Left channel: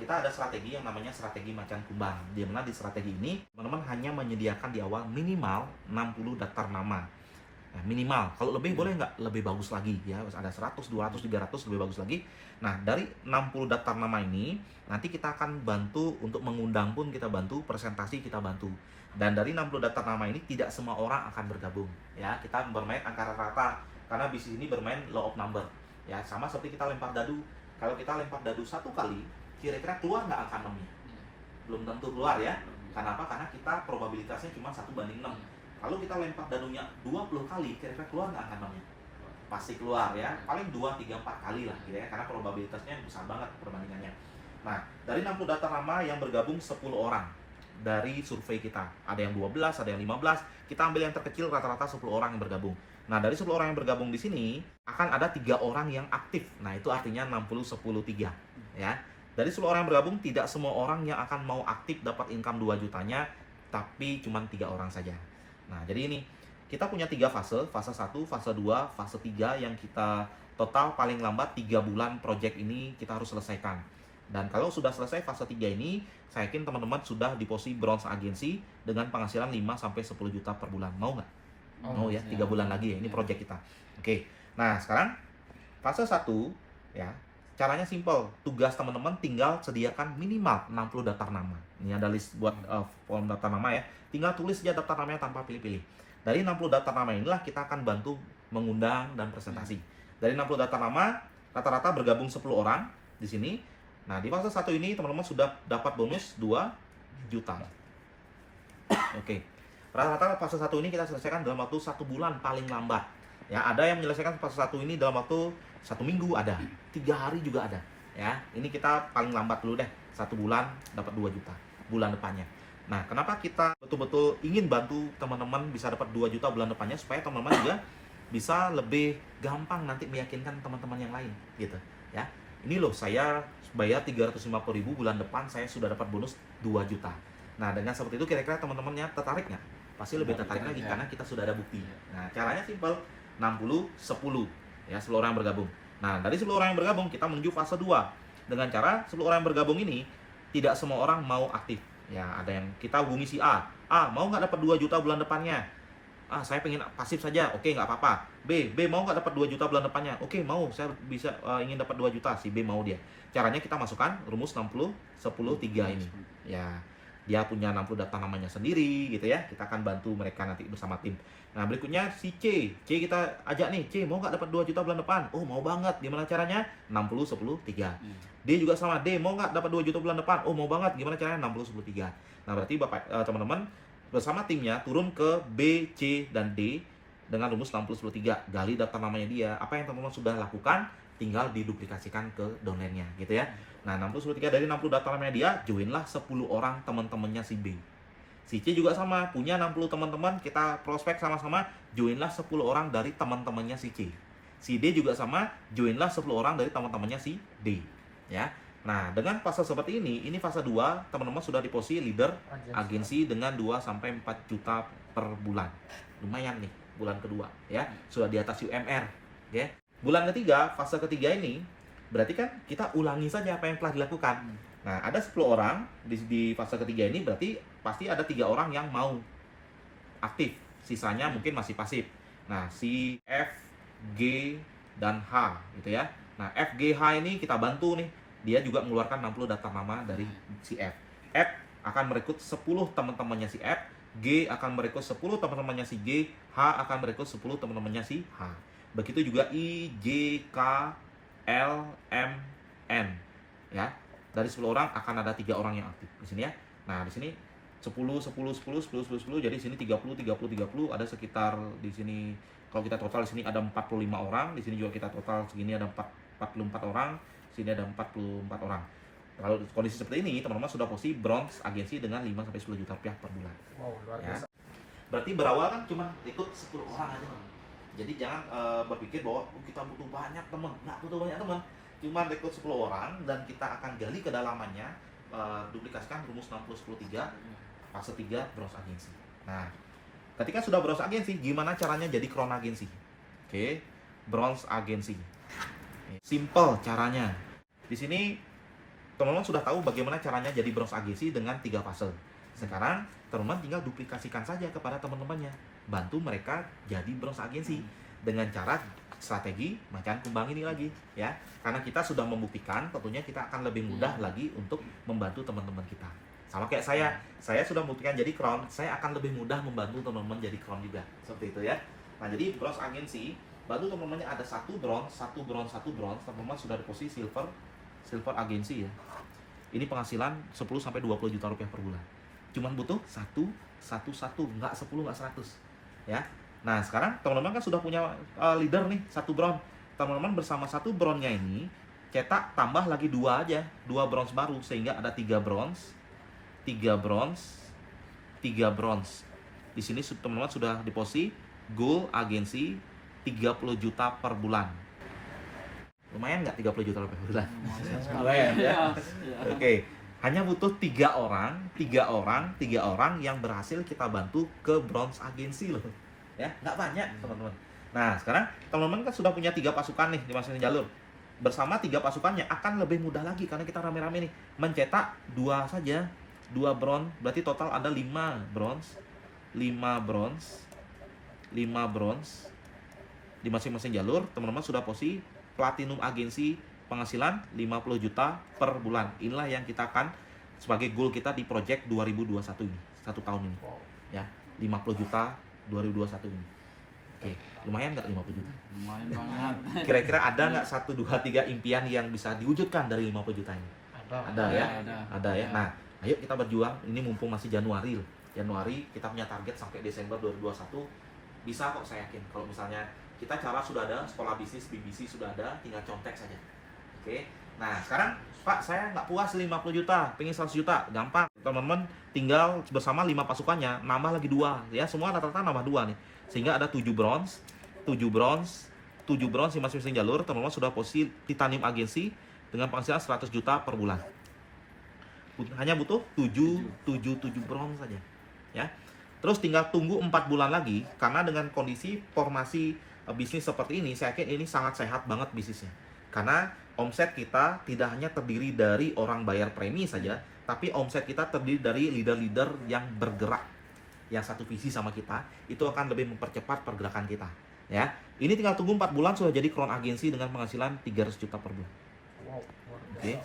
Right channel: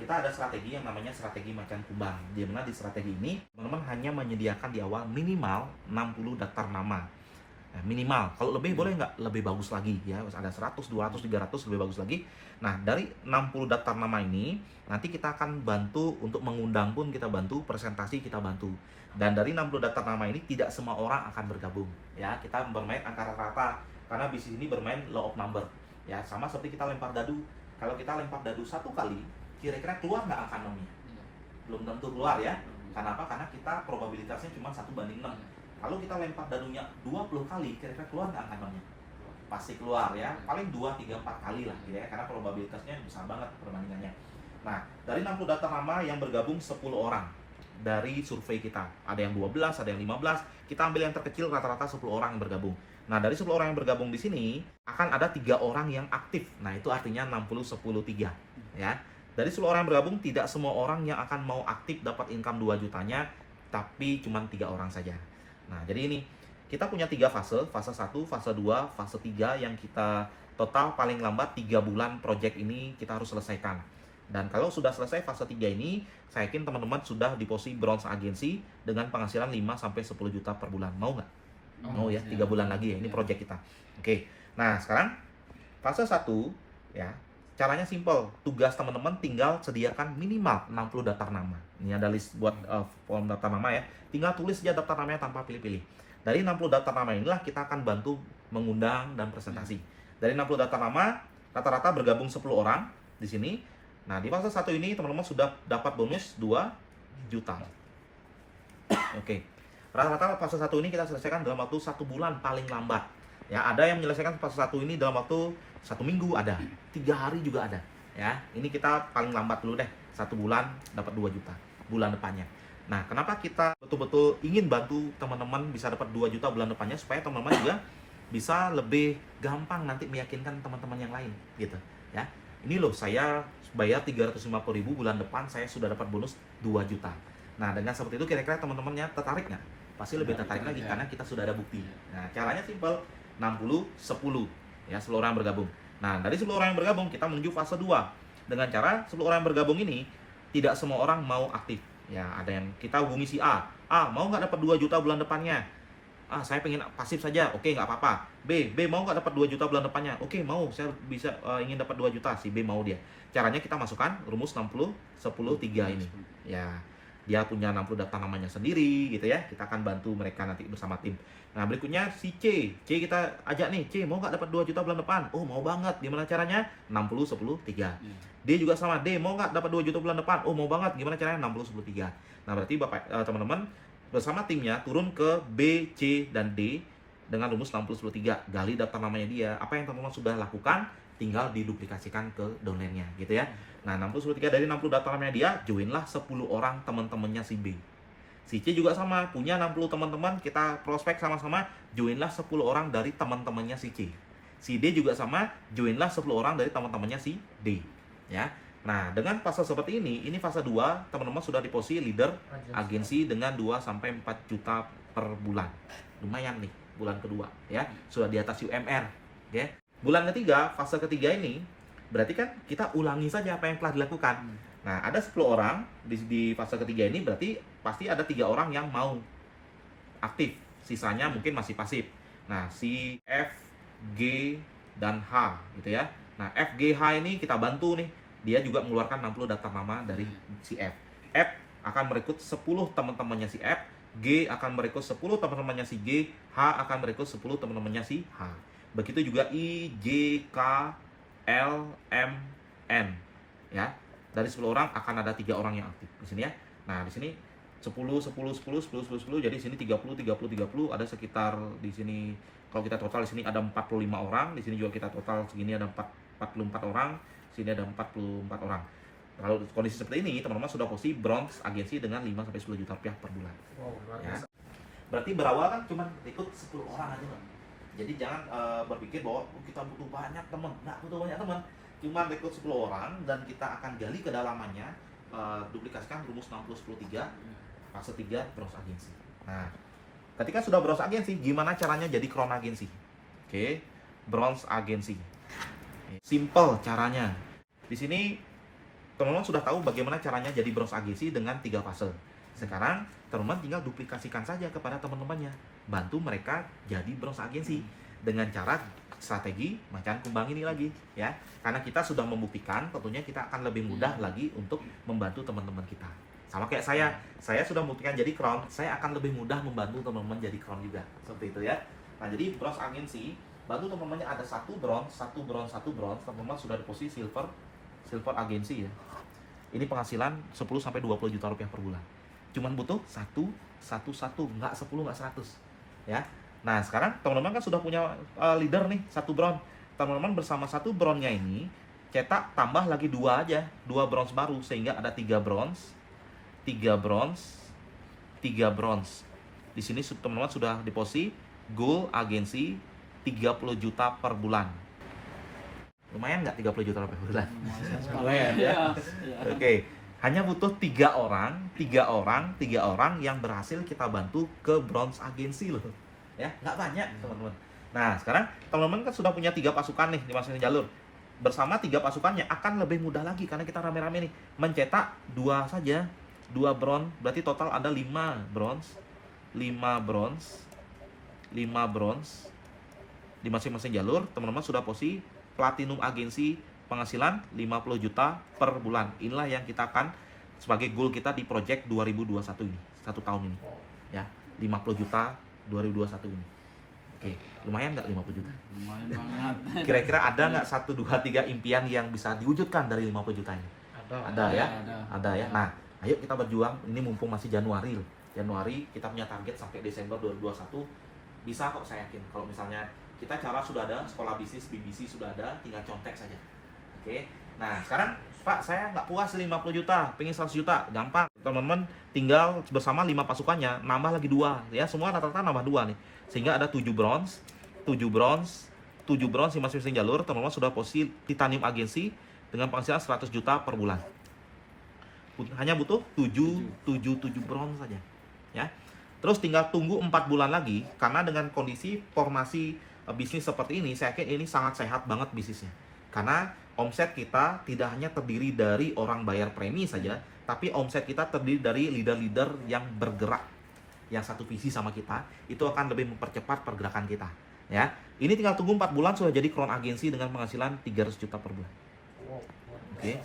kita ada strategi yang namanya strategi macan kumbang. Di mana di strategi ini, teman-teman hanya menyediakan di awal minimal 60 daftar nama. Nah, minimal. Kalau lebih boleh nggak? Lebih bagus lagi ya. Ada 100, 200, 300 lebih bagus lagi. Nah, dari 60 daftar nama ini, nanti kita akan bantu untuk mengundang pun kita bantu, presentasi kita bantu. Dan dari 60 daftar nama ini tidak semua orang akan bergabung ya. Kita bermain angka rata-rata karena bisnis ini bermain law of number. Ya, sama seperti kita lempar dadu. Kalau kita lempar dadu 1 kali, kira-kira keluar nggak angka 6-nya? Belum tentu keluar ya. Karena apa? Karena kita probabilitasnya cuma 1/6. Kalau kita lempar dadunya 20 kali, kira-kira keluar nggak angka 6-nya? Pasti keluar ya. Paling 2, 3, 4 kali lah gitu ya. Karena probabilitasnya besar banget perbandingannya. Nah, dari 60 daftar nama yang bergabung 10 orang dari survei kita. Ada yang 12, ada yang 15. Kita ambil yang terkecil, rata-rata 10 orang yang bergabung. Nah, dari 10 orang yang bergabung di sini akan ada 3 orang yang aktif. Nah, itu artinya 60 10 3 ya. Dari 10 orang yang bergabung, tidak semua orang yang akan mau aktif dapat income 2 jutanya, tapi cuma 3 orang saja. Nah, jadi ini kita punya 3 fase, fase 1, fase 2, fase 3 yang kita total paling lambat 3 bulan project ini kita harus selesaikan. Dan kalau sudah selesai fase 3 ini, saya yakin teman-teman sudah di posisi bronze agency dengan penghasilan 5-10 juta per bulan. Mau nggak? Mau ya, 3 bulan lagi ya, ini project kita. Oke, nah sekarang fase 1 ya, caranya simple. Tugas teman-teman tinggal sediakan minimal 60 daftar nama. Ini ada list buat form daftar nama ya. Tinggal tulis saja daftar namanya tanpa pilih-pilih. Dari 60 daftar nama inilah kita akan bantu mengundang dan presentasi. Dari 60 daftar nama, rata-rata bergabung 10 orang di sini. Nah, di fase 1 ini teman-teman sudah dapat bonus 2 juta. Oke. Rata-rata fase 1 ini kita selesaikan dalam waktu 1 bulan paling lambat. Ya, ada yang menyelesaikan fase 1 ini dalam waktu 1 minggu ada, 3 hari juga ada. Ya, ini kita paling lambat dulu deh. 1 bulan dapat 2 juta bulan depannya. Nah, kenapa kita betul-betul ingin bantu teman-teman bisa dapat 2 juta bulan depannya supaya teman-teman juga bisa lebih gampang nanti meyakinkan teman-teman yang lain gitu, ya. Ini loh, saya bayar 350.000 bulan depan saya sudah dapat bonus 2 juta. Nah, dengan seperti itu kira-kira teman-temannya tertarik nggak? Pasti lebih tertarik lagi karena kita sudah ada bukti. Nah, caranya simpel, 60 10 ya, 10 orang bergabung. Nah, dari 10 orang yang bergabung kita menuju fase 2. Dengan cara 10 orang yang bergabung ini tidak semua orang mau aktif. Ya, ada yang kita hubungi si A. A, mau nggak dapat 2 juta bulan depannya? Ah, saya pengen pasif saja. Oke, nggak apa-apa. B mau nggak dapat 2 juta bulan depannya? Oke, mau. Saya bisa ingin dapat 2 juta. Si B mau dia. Caranya kita masukkan rumus 60 10 3 ini. Ya, dia punya 60 daftar namanya sendiri gitu ya. Kita akan bantu mereka nanti bersama tim. Nah, berikutnya si C. C kita ajak nih. C, mau nggak dapat 2 juta bulan depan? Oh, mau banget. Gimana caranya? 60 10 3. D juga sama. D, mau nggak dapat 2 juta bulan depan? Oh, mau banget. Gimana caranya? 60 10 3. Nah, berarti Bapak teman-teman bersama timnya turun ke B, C, dan D dengan rumus 60 10 3. Gali daftar namanya dia. Apa yang teman-teman sudah lakukan tinggal diduplikasikan ke downline-nya gitu ya. Nah, 60 10 3 dari 60 daftar namanya dia, joinlah 10 orang teman-temannya si B. Si C juga sama, punya 60 teman-teman, kita prospek sama-sama, joinlah 10 orang dari teman-temannya si C. Si D juga sama, joinlah 10 orang dari teman-temannya si D. Ya. Nah, dengan fase seperti ini fase 2, teman-teman sudah di posisi leader agensi dengan 2-4 juta per bulan. Lumayan nih, bulan kedua ya. Sudah di atas UMR, ya. Bulan ketiga, fase ketiga ini berarti kan kita ulangi saja apa yang telah dilakukan. Nah, ada 10 orang di fase ketiga ini, berarti pasti ada 3 orang yang mau aktif. Sisanya mungkin masih pasif. Nah, si F, G, dan H gitu ya. Nah, F, G, H ini kita bantu nih. Dia juga mengeluarkan 60 daftar nama dari si F. F akan merekrut 10 teman-temannya si F. G akan merekrut 10 teman-temannya si G. H akan merekrut 10 teman-temannya si H. Begitu juga I, J, K, L, M, N. Ya. Dari 10 orang akan ada 3 orang yang aktif di sini ya. Nah, di sini 10 10 10 10 10 10, jadi di sini 30 30 30, ada sekitar di sini kalau kita total di sini ada 45 orang, di sini juga kita total segini ada 44 orang, sini ada 44 orang. Kalau kondisi seperti ini, teman-teman sudah posisi bronze agensi dengan 5-10 juta rupiah per bulan. Wow, Ya. Berarti berawal kan cuma ikut 10 orang aja, Bang. Jadi jangan berpikir bahwa kita butuh banyak teman. Nggak butuh banyak teman. Cuma rekrut 10 orang dan kita akan gali kedalamannya, duplikasikan rumus 60 10 3, fase 3 bronze agensi. Nah, ketika sudah bronze agensi, gimana caranya jadi crown agensi? Oke, bronze agensi. Simple caranya. Di sini teman-teman sudah tahu bagaimana caranya jadi bronze agensi dengan 3 fase. Sekarang teman-teman tinggal duplikasikan saja kepada teman-temannya, bantu mereka jadi bronze agensi dengan cara strategi macan kumbang ini lagi ya. Karena kita sudah membuktikan, tentunya kita akan lebih mudah lagi untuk membantu teman-teman kita. Sama kayak saya sudah membuktikan jadi crown, saya akan lebih mudah membantu teman-teman jadi crown juga. Seperti itu ya. Nah, jadi bronze agensi, bantu teman-temannya ada 1 bronze, 1 bronze, 1 bronze, teman-teman sudah di posisi silver agensi ya. Ini penghasilan 10 sampai 20 juta rupiah per bulan. Cuman butuh 1, nggak 10, nggak 100 ya. Nah, sekarang teman-teman kan sudah punya leader nih, 1 bronze. Teman-teman bersama 1 bronze-nya ini cetak tambah lagi 2 aja, 2 bronze baru sehingga ada 3 bronze, 3 bronze, 3 bronze. Di sini teman-teman sudah di posisi goal agensi 30 juta per bulan. Lumayan nggak 30 juta per bulan? Lumayan ya. Oke, hanya butuh 3 orang yang berhasil kita bantu ke bronze agensi loh. Ya, nggak banyak teman-teman. Nah, sekarang teman-teman kan sudah punya 3 pasukan nih di masing-masing jalur. Bersama 3 pasukannya akan lebih mudah lagi karena kita rame-rame nih. Mencetak 2 saja, 2 bronze, berarti total ada 5 bronze, 5 bronze, 5 bronze di masing-masing jalur. Teman-teman sudah posisi platinum agensi penghasilan 50 juta per bulan. Inilah yang kita akan sebagai goal kita di project 2021 ini, 1 tahun ini ya, 50 juta 2021 ini. Oke, lumayan nggak 50 juta? Lumayan banget. Kira-kira ada nggak 1, 2, 3 impian yang bisa diwujudkan dari 50 juta ini? Ada ya? Ada ya? Nah, ayo kita berjuang, ini mumpung masih Januari loh. Januari kita punya target sampai Desember 2021. Bisa kok, saya yakin. Kalau misalnya kita cara sudah ada, sekolah bisnis, BBC sudah ada, tinggal contek saja. Oke, nah sekarang Pak, saya nggak puas 50 juta, pengen 100 juta, gampang. Teman-teman tinggal bersama 5 pasukannya, nambah lagi 2, ya semua rata-rata nambah 2 nih. Sehingga ada 7 bronze, 7 bronze, 7 bronze di masing-masing jalur. Teman-teman sudah posisi titanium agensi dengan penghasilan 100 juta per bulan. Hanya butuh 7 bronze saja, ya. Terus tinggal tunggu 4 bulan lagi, karena dengan kondisi formasi bisnis seperti ini, saya yakin ini sangat sehat banget bisnisnya. Karena omset kita tidak hanya terdiri dari orang bayar premi saja, tapi omset kita terdiri dari leader-leader yang bergerak, yang satu visi sama kita, itu akan lebih mempercepat pergerakan kita. Ya, ini tinggal tunggu 4 bulan sudah jadi crown agensi dengan penghasilan 300 juta per bulan. Oke,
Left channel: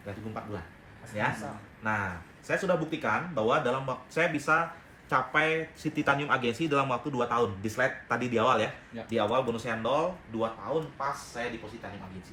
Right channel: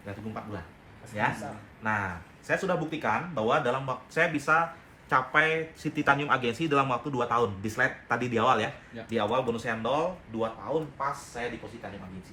tinggal tunggu 4 bulan. Ya, nah saya sudah buktikan bahwa dalam waktu saya bisa capai si titanium agensi dalam waktu 2 tahun. Di slide tadi di awal ya. Di awal bonus handle 2 tahun pas saya di posisi titanium agensi.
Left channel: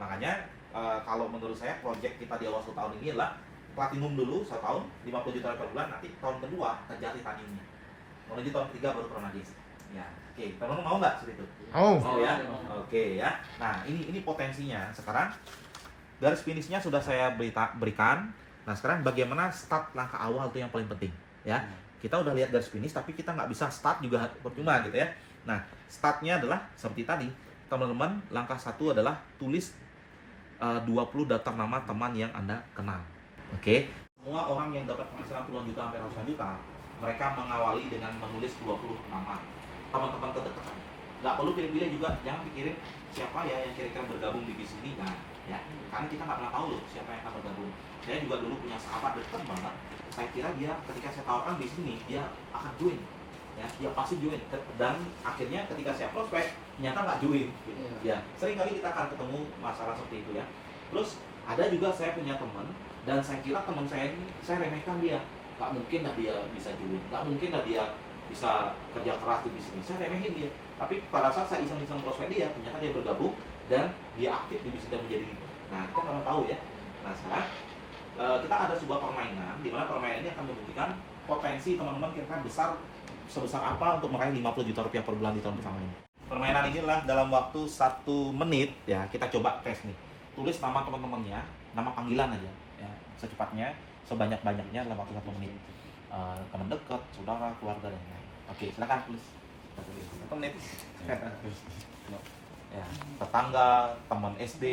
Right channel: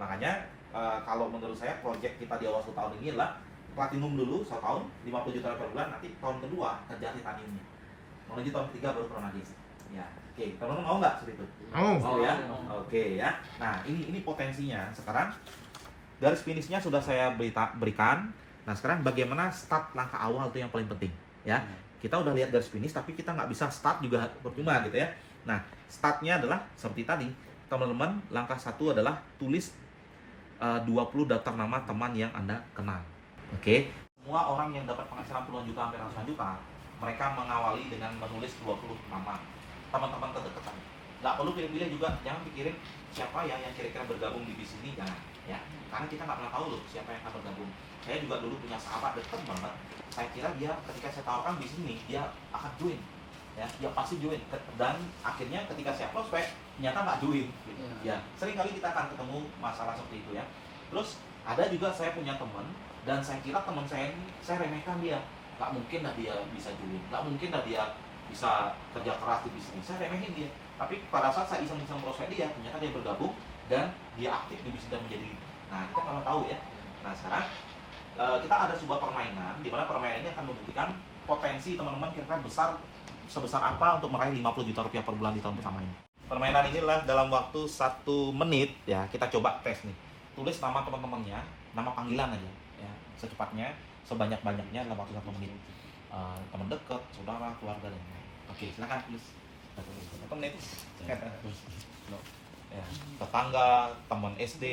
Makanya kalau menurut saya project kita di awal 1 tahun ini adalah platinum dulu 1 tahun 50 juta per bulan, nanti tahun kedua kejar titaniumnya. Menuju tahun ketiga baru crown agensi. Ya, oke. Teman-teman mau nggak seperti itu? Mau ya? Oke ya. Nah, ini potensinya. Sekarang garis finishnya sudah saya berikan. Nah, sekarang bagaimana start langkah awal itu yang paling penting ya. Kita udah lihat garis finish, tapi kita nggak bisa start juga percuma gitu ya. Nah, startnya adalah seperti tadi, teman-teman. Langkah 1 adalah tulis 20 daftar nama teman yang Anda kenal. Oke. Semua orang yang dapat penghasilan puluhan juta sampai ratusan juta, mereka mengawali dengan menulis 20 nama teman-teman terdekat. Nggak perlu pilih-pilih juga, jangan pikirin siapa ya yang kira-kira bergabung di bisnis ini, jangan ya. Karena kita nggak pernah tahu loh siapa yang akan bergabung. Saya juga dulu punya sahabat dekat banget. Saya kira dia ketika saya tawarkan bisnis ini, dia akan join, ya, dia pasti join. Dan akhirnya ketika saya prospek, ternyata nggak join. Gitu. Ya, sering kali kita akan ketemu masalah seperti itu ya. Terus ada juga saya punya teman, dan saya kira teman saya ini, saya remehkan dia. Nggak mungkin lah dia bisa join, nggak mungkin lah dia bisa kerja keras di bisnis. Saya remehin dia. Tapi pada saat saya iseng-iseng prospek dia, ternyata dia bergabung dan dia aktif di bisnis dan menjadi leader. Nah, kita nggak tahu ya. Nah, sekarang kita ada sebuah permainan, di mana permainan ini akan membuktikan potensi teman-teman kira-kira sebesar apa untuk meraih 50 juta rupiah per bulan di tahun pertama ini. Permainan ini adalah dalam waktu 1 menit ya, kita coba tes nih. Tulis nama teman-temannya, nama panggilan aja ya, secepatnya, sebanyak-banyaknya dalam waktu 1 menit. Teman dekat, saudara, keluarga dan lain-lain. Oke, silakan tulis. 1 menit. Ya, tetangga, teman SD,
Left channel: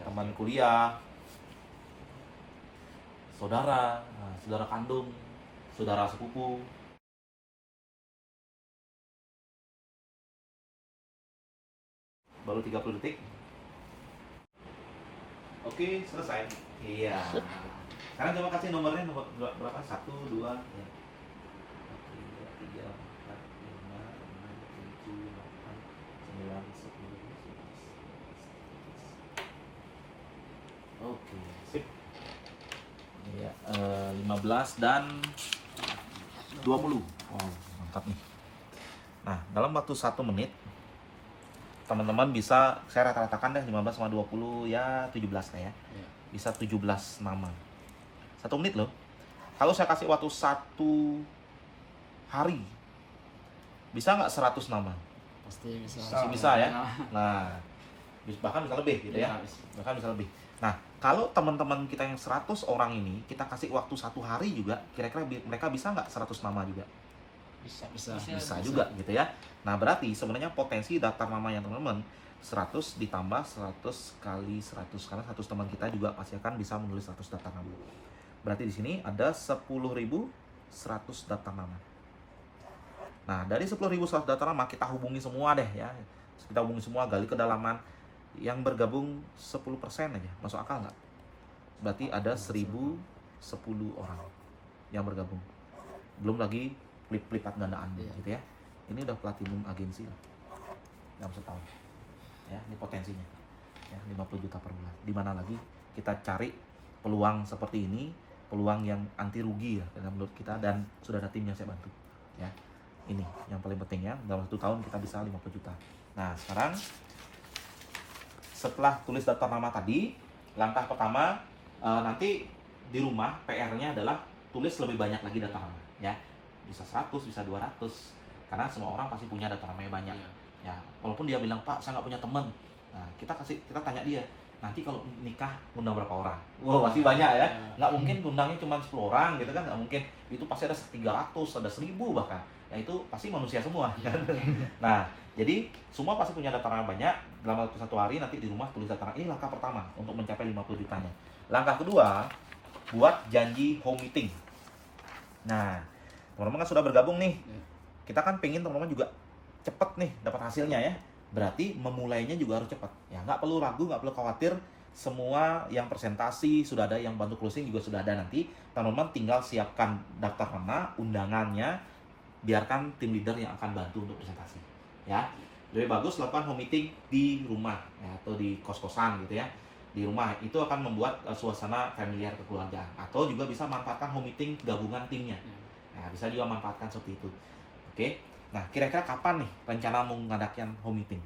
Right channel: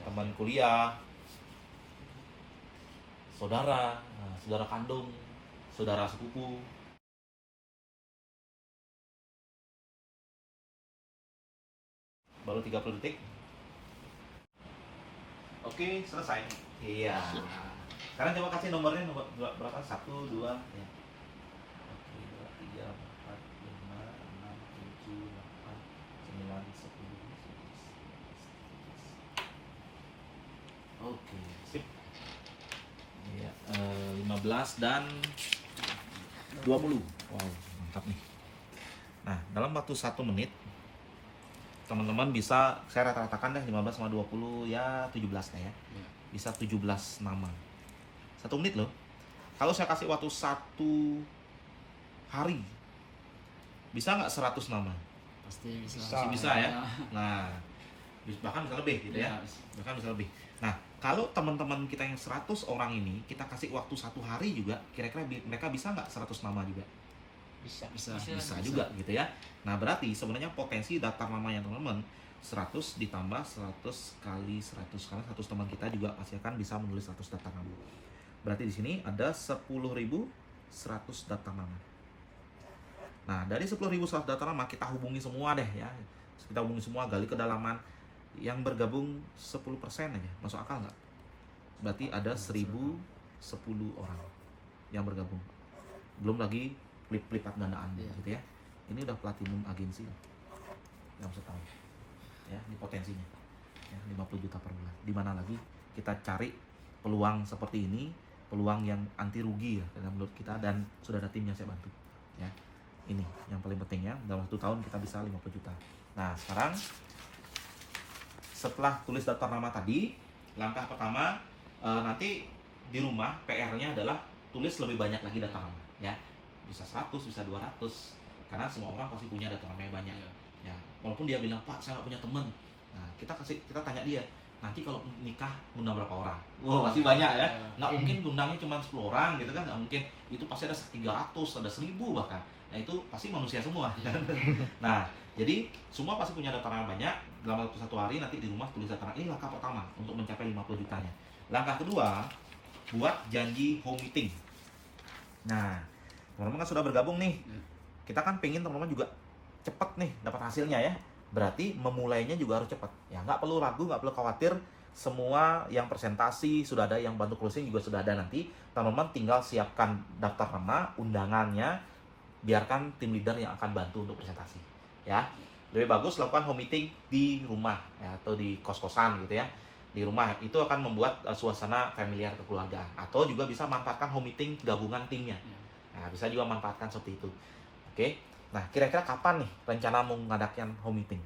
teman kuliah, saudara, saudara kandung, saudara sepupu. Baru 30 detik. Oke, selesai. Iya. Sekarang coba kasih nomornya berapa? 1, 2, ya. 1, 2, 3, 4, 5, 6, 7, 8, 9, 10, 11, 12, 13. Oke, sip. Iya, 15 dan 20. Oh, mantap nih. Nah, dalam waktu 1 menit teman-teman bisa, saya rata-ratakan deh 15 sama 20 ya 17 lah ya. Bisa 17 nama. 1 menit loh. Kalau saya kasih waktu 1 hari, bisa nggak 100 nama? Pasti bisa. Pasti bisa ya. Nah, bahkan bisa lebih gitu ya. Bahkan bisa lebih. Nah, kalau teman-teman kita yang 100 orang ini, kita kasih waktu 1 hari juga, kira-kira mereka bisa nggak 100 nama juga? Bisa juga gitu ya. Nah, berarti sebenarnya potensi daftar namanya teman-teman 100 ditambah 100 kali 100, karena 100 teman kita juga pasti akan bisa menulis 100 daftar nama. Berarti di sini ada 10.100 daftar nama. Nah, dari 10.100 daftar nama kita hubungi semua deh ya. Kita hubungi semua, gali kedalaman. Yang bergabung 10% aja, masuk akal nggak? Berarti ada 1.010 orang yang bergabung. Belum lagi lipat gandaan gitu ya. Ini udah platinum agensi lah dalam setahun ya, ini potensinya ya, 50 juta per bulan. Dimana lagi kita cari peluang seperti ini, peluang yang anti rugi ya menurut kita, dan sudah ada tim yang saya bantu ya. Ini yang paling penting ya, dalam 1 tahun kita bisa 50 juta. Nah, sekarang setelah tulis daftar nama tadi, langkah pertama nanti di rumah PR-nya adalah tulis lebih banyak lagi daftar nama ya. Bisa 100, bisa 200, karena semua orang pasti punya daftar namanya banyak ya. Walaupun dia bilang, Pak, saya nggak punya teman, nah kita tanya dia, nanti kalau nikah undang berapa orang? Wow, pasti banyak ya. Nggak mungkin undangnya cuma 10 orang gitu kan, nggak mungkin. Itu pasti ada 300, ada 1000 bahkan ya. Itu pasti manusia semua kan. Nah, jadi semua pasti punya daftar nama banyak. Dalam waktu 1 hari nanti di rumah tulis daftar nama. Ini langkah pertama untuk mencapai 50 jutanya. Langkah kedua, buat janji home meeting. Nah, teman-teman kan sudah bergabung nih. Kita kan pengen teman-teman juga cepet nih dapat hasilnya ya. Berarti memulainya juga harus cepat. Ya, nggak perlu ragu, nggak perlu khawatir. Semua yang presentasi sudah ada, yang bantu closing juga sudah ada nanti. Teman-teman tinggal siapkan daftar nama, undangannya, biarkan tim leader yang akan bantu untuk presentasi. Ya, lebih bagus lakukan home meeting di rumah ya, atau di kos-kosan gitu ya. Di rumah itu akan membuat suasana familiar kekeluargaan. Atau juga bisa manfaatkan home meeting gabungan timnya. Nah, bisa juga manfaatkan seperti itu. Oke. Nah, kira-kira kapan nih rencana mau ngadakan home meeting?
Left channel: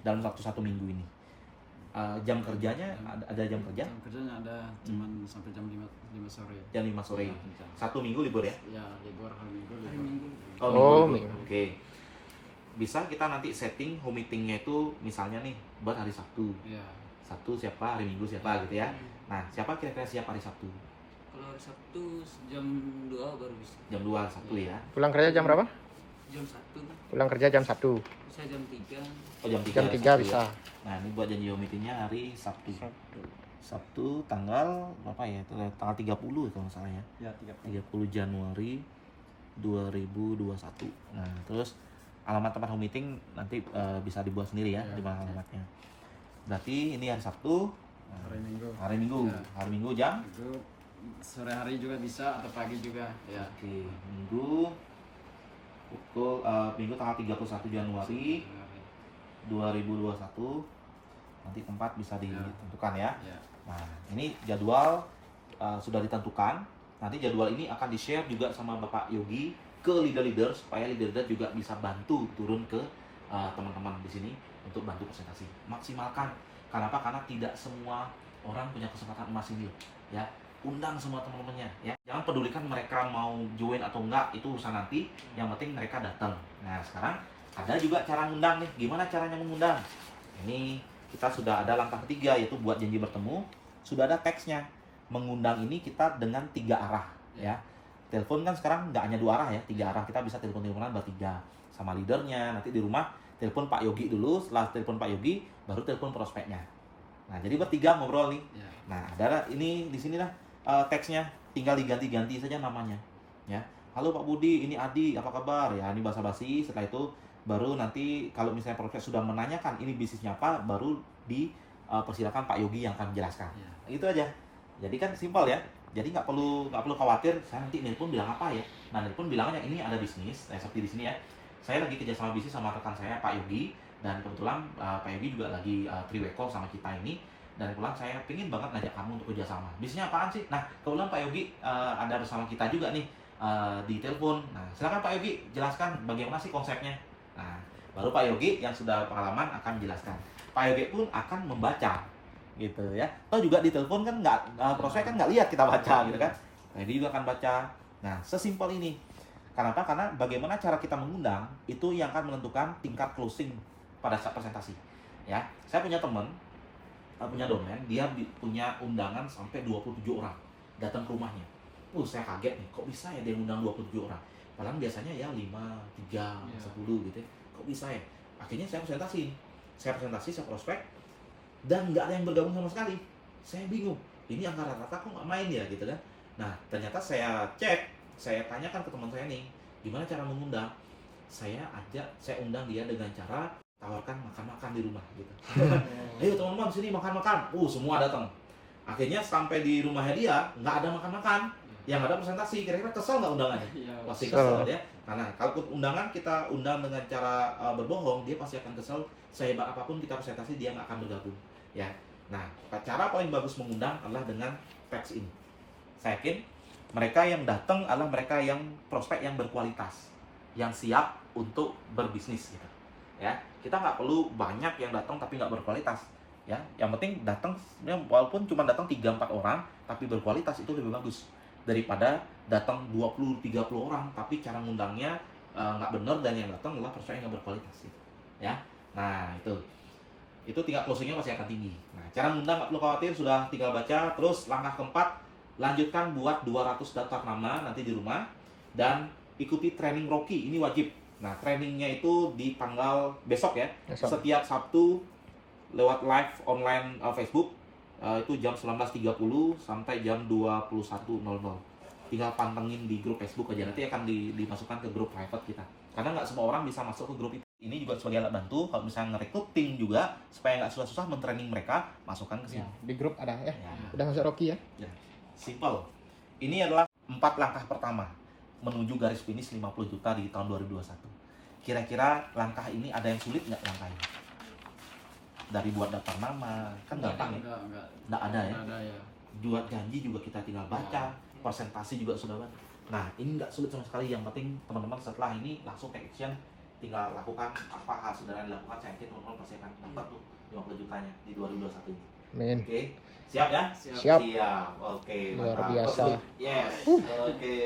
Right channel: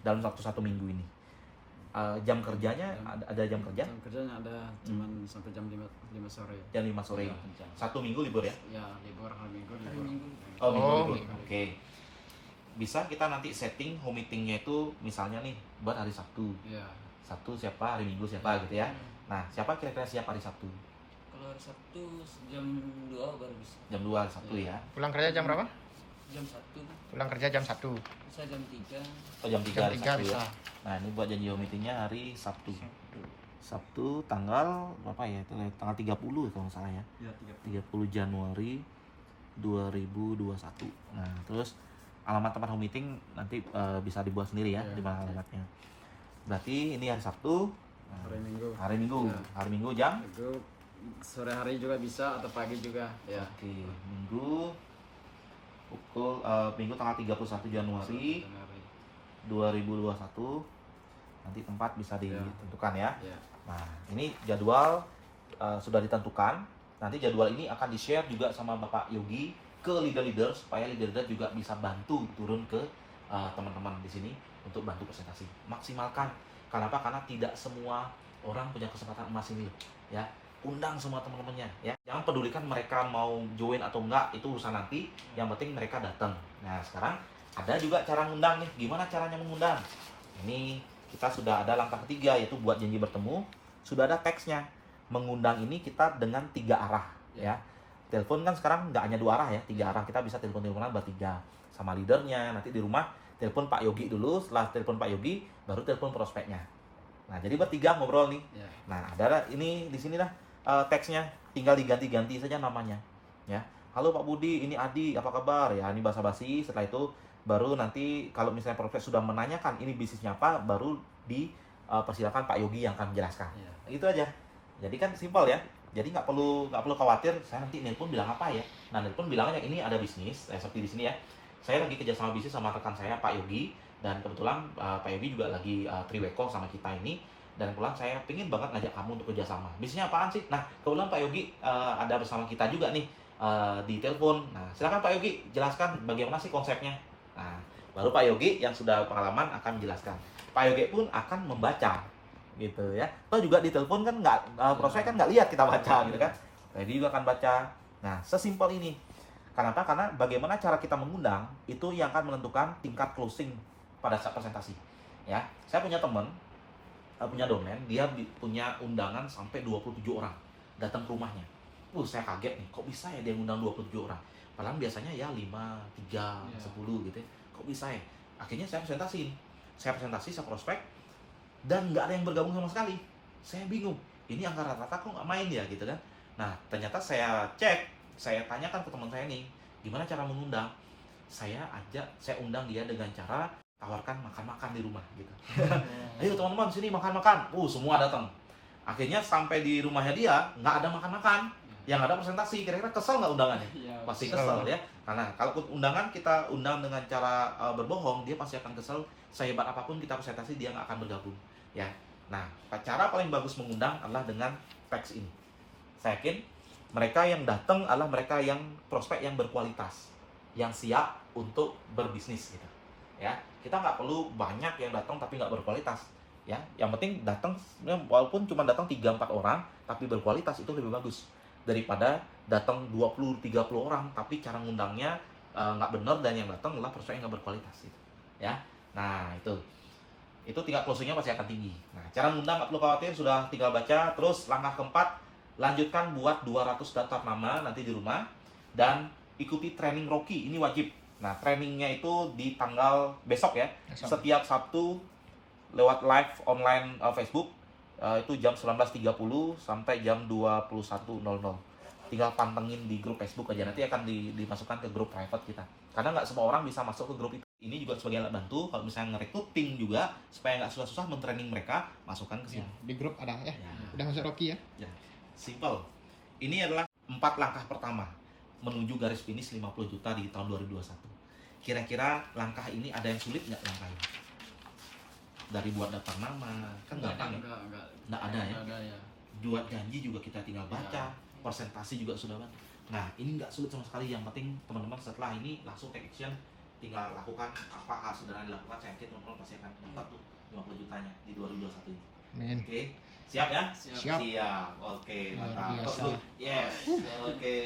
Dalam waktu 1 minggu ini. Jam kerjanya ada jam kerja? Jam kerjanya ada, cuman sampai jam 5 sore. Jam 5 sore. Ya, 1 minggu libur ya? Ya, libur hari Minggu. Oh, minggu. Oke. Bisa kita nanti setting home meetingnya itu misalnya nih buat hari Sabtu. Iya. Sabtu siapa, hari Minggu siapa gitu ya. Nah, siapa kira-kira siap hari Sabtu? Kalau hari Sabtu jam 2 baru bisa. Jam 2 Sabtu ya. Pulang kerja jam berapa? Jam 1 Pulang kerja jam 1. bisa jam 3. Oh, jam 3. Jam 3 Sabtu, bisa. ya. Nah, ini buat janji home meetingnya hari Sabtu. Sabtu tanggal berapa ya? Tanggal 30 kalau nggak salah ya. Ya, 30 Januari 2021. Nah, terus alamat tempat home meeting nanti bisa dibuat sendiri ya, di mana alamatnya. Berarti ini hari Sabtu. Nah, hari Minggu. Hari Minggu. Ya. Hari Minggu jam? Itu sore hari juga bisa atau pagi juga. Ya. Oke, Minggu pukul Minggu tanggal 31 Januari 2021. Nanti tempat bisa ditentukan ya. Ya. Nah, ini jadwal sudah ditentukan. Nanti jadwal ini akan di-share juga sama Bapak Yogi ke leader-leader supaya leader-leader juga bisa bantu turun ke teman-teman di sini untuk bantu presentasi. Maksimalkan. Kenapa? Karena tidak semua orang punya kesempatan emas ini loh. Ya, undang semua teman-temannya ya. Jangan pedulikan mereka mau join atau enggak, itu urusan nanti. Yang penting mereka datang. Nah, sekarang ada juga cara mengundang nih. Gimana caranya mengundang? Ini kita sudah ada langkah ketiga, yaitu buat janji bertemu. Sudah ada teksnya. Mengundang ini kita dengan 3 arah ya. Telepon kan sekarang nggak hanya 2 arah ya, 3 arah. Kita bisa telepon-teleponan bertiga sama leadernya. Nanti di rumah telepon Pak Yogi dulu, setelah telepon Pak Yogi baru telepon prospeknya. Nah, jadi bertiga ngobrol nih. Ya. Nah, ada ini di sini lah teksnya, tinggal diganti-ganti saja namanya ya. Halo Pak Budi, ini Adi, apa kabar? Ya, ini basa-basi. Setelah itu baru nanti kalau misalnya prospek sudah menanyakan ini bisnisnya apa, baru di persilakan Pak Yogi yang akan menjelaskan. Iya. Itu aja. Jadi kan simpel ya. Jadi nggak perlu khawatir. Saya nanti nelpon bilang apa ya. Nah nelpon bilangnya ini ada bisnis. Seperti di sini ya. Saya lagi kerjasama bisnis sama rekan saya Pak Yogi, dan kebetulan Pak Yogi juga lagi triweko sama kita ini. Dan kebetulan saya pengen banget ngajak kamu untuk kerjasama. Bisnisnya apaan sih? Nah kebetulan Pak Yogi ada bersama kita juga nih di telepon. Nah silakan Pak Yogi jelaskan bagaimana sih konsepnya. Nah baru Pak Yogi yang sudah pengalaman akan menjelaskan. Pak Yogi pun akan membaca gitu ya. Atau juga di telepon kan nggak prospek kan nggak lihat kita baca gitu kan. Jadi juga akan baca. Nah sesimpel ini. Kenapa? Karena bagaimana cara kita mengundang itu yang akan menentukan tingkat closing pada saat presentasi. Ya, saya punya teman punya domain, dia punya undangan sampai 27 orang datang ke rumahnya. Saya kaget nih, kok bisa ya dia ngundang 27 orang? Padahal biasanya ya 5, 3, 10 gitu ya. Kok bisa ya? Akhirnya saya presentasi, saya prospek, dan nggak ada yang bergabung sama sekali. Saya bingung, ini angka rata-rata kok nggak main ya gitu kan. Nah ternyata saya cek, saya tanyakan ke teman saya nih, gimana cara mengundang. Saya undang dia dengan cara tawarkan makan-makan di rumah gitu. Ayo teman-teman sini makan-makan. Semua datang. Akhirnya sampai di rumahnya dia nggak ada makan-makan, yang ada presentasi. Kira-kira kesel nggak undangannya? Iya. Pasti kesel ya. Karena kalau undangan kita undang dengan cara berbohong, dia pasti akan kesel. Sehebat apapun kita presentasi, dia nggak akan bergabung. Ya. Nah, cara paling bagus mengundang adalah dengan teks ini. Saya yakin mereka yang datang adalah mereka yang prospek yang berkualitas, yang siap untuk berbisnis. Gitu. Ya, kita nggak perlu banyak yang datang tapi nggak berkualitas. Ya, yang penting datang, walaupun cuma datang 3-4 orang tapi berkualitas, itu lebih bagus daripada datang 20-30 orang tapi cara ngundangnya nggak benar dan yang datang adalah prospek yang nggak berkualitas. Gitu. Ya, nah itu tingkat closingnya pasti akan tinggi. Nah, cara ngundang nggak perlu khawatir, sudah tinggal baca. Terus langkah keempat, lanjutkan buat 200 daftar nama nanti di rumah dan ikuti training Rocky, ini wajib. Nah, trainingnya itu di tanggal besok ya. Setiap Sabtu lewat live online Facebook itu jam 19.30 sampai jam 21.00. Tinggal pantengin di grup Facebook aja, nanti akan dimasukkan ke grup private kita. Karena nggak semua orang bisa masuk ke grup itu. Ini juga sebagai alat bantu kalau misalnya ngerekrut tim juga supaya nggak susah-susah mentraining mereka, masukkan ke sini. Di grup ada ya. Ya. Udah masuk Rocky ya. Ya. Simple. Ini adalah 4 langkah pertama menuju garis finish 50 juta di tahun 2021. Kira-kira langkah ini ada yang sulit nggak langkahnya? Dari buat daftar nama, kan gampang ya? Nggak ada ya? Nggak ada ya. Buat janji juga kita tinggal baca, presentasi juga sudah baca. Nah, ini nggak sulit sama sekali. Yang penting teman-teman setelah ini langsung take action, tinggal lakukan apa hal sederhana dilakukan. Saya yakin teman-teman pasti akan dapat tuh 50 jutanya di 2021 ini. Amin. Oke, siap ya? Siap. Siap. Oke, Luar mantap. biasa. Yes. Oke.